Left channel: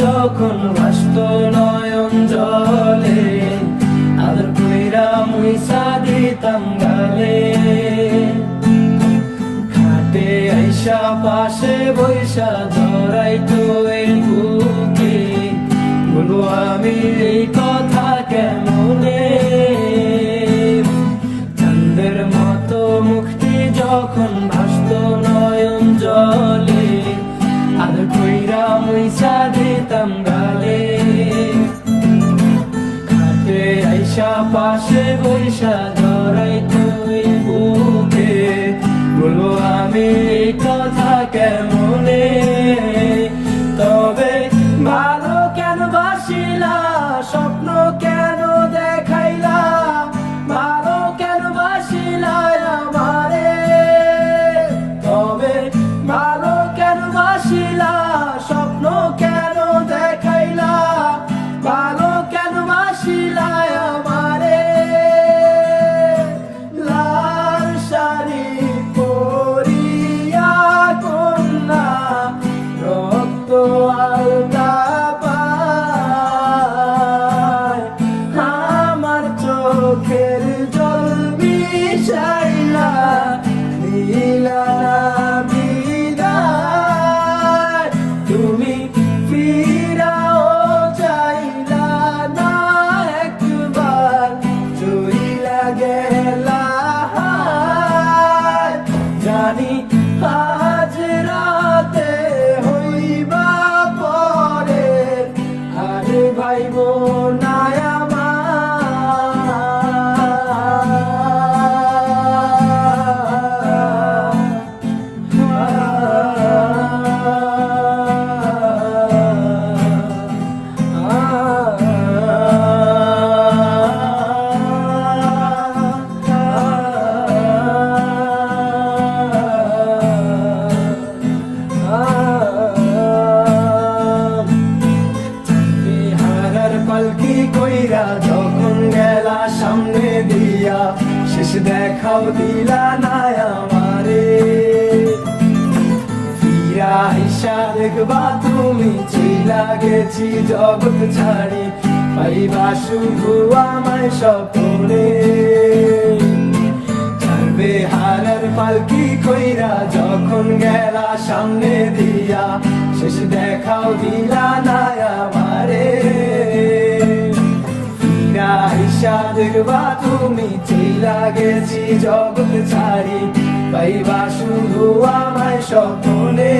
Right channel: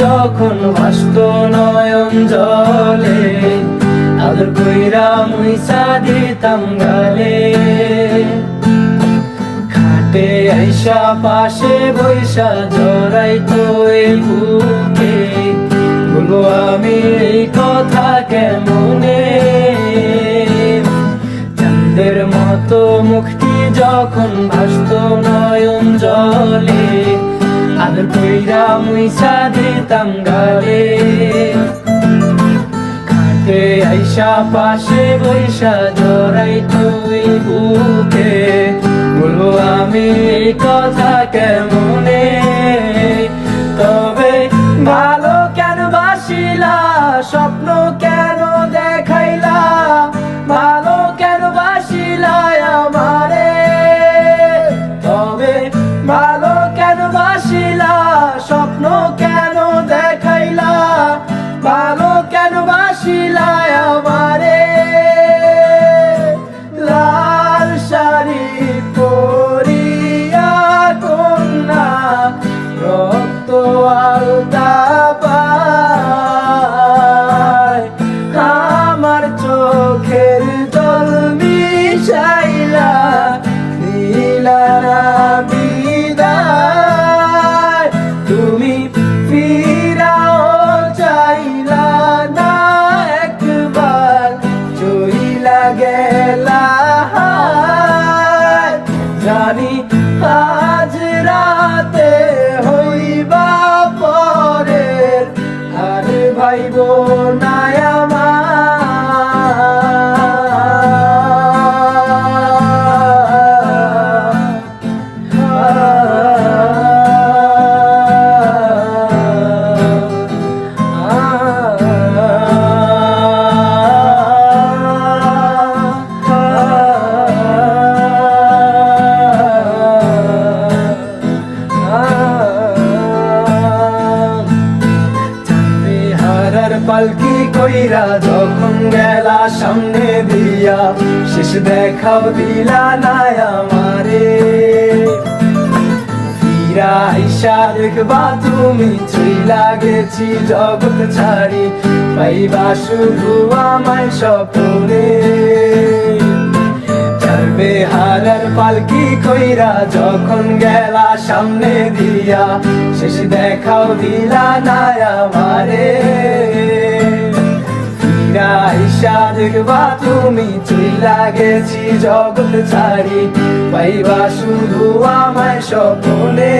যখন ভাসত নয়ন জলে, আদর কইরা মুইসা দিতাম গালে। খাটে আইসা পাশে বৈশা জড়াইতো এই বুকে, বলো আমি এই কথা কেমনে। চাঁদের মতো মুখটি যখন ভাসত নয়ন জলে, আদর কইরা মুইসা দিতাম গালে। খাটে আইসা পাশে বৈশা জড়াইতো এই বুকে, বলো আমি এই কথা কেমনে। তবে ভালো কেন বাসিলা, স্বপ্ন কেন দেখাইলা, ভালো কেন বাসিলা আমারে। তবে ভালো কেন বাসিলা, স্বপ্ন কেন দেখাইলা, ভালো কেন বাসিলা আমারে। লাল শাড়ি পরিয়া কন্যা, রক্ত আলতা পায়, আমার চোখের জল মিশাইলা দিলা না বিদায়। তুমি ফিরাও চাইলা না একবার, চইলা গেলা। জানি আজ রাতে হইবা পরের, আর ভাইব না পালকি কইরা যখন গেলা সামনে দিয়া, শেষ দেখাও দিলা না আমারে। ফিরা আইসা দেখবা তুমি চইলা গেছি জগৎ ছাড়ি, পাইবা শুধু আমায় স্বপ্নে। চলবে হারার পালকি কইরা যখন গেলা সামনে দিয়া, শেষ দেখাও দিলা না আমারে। আইসা দেখবা তুমি চইলা গেছি জগৎ ছাড়ি, পাইবা শুধু আমায় স্বপ্নে।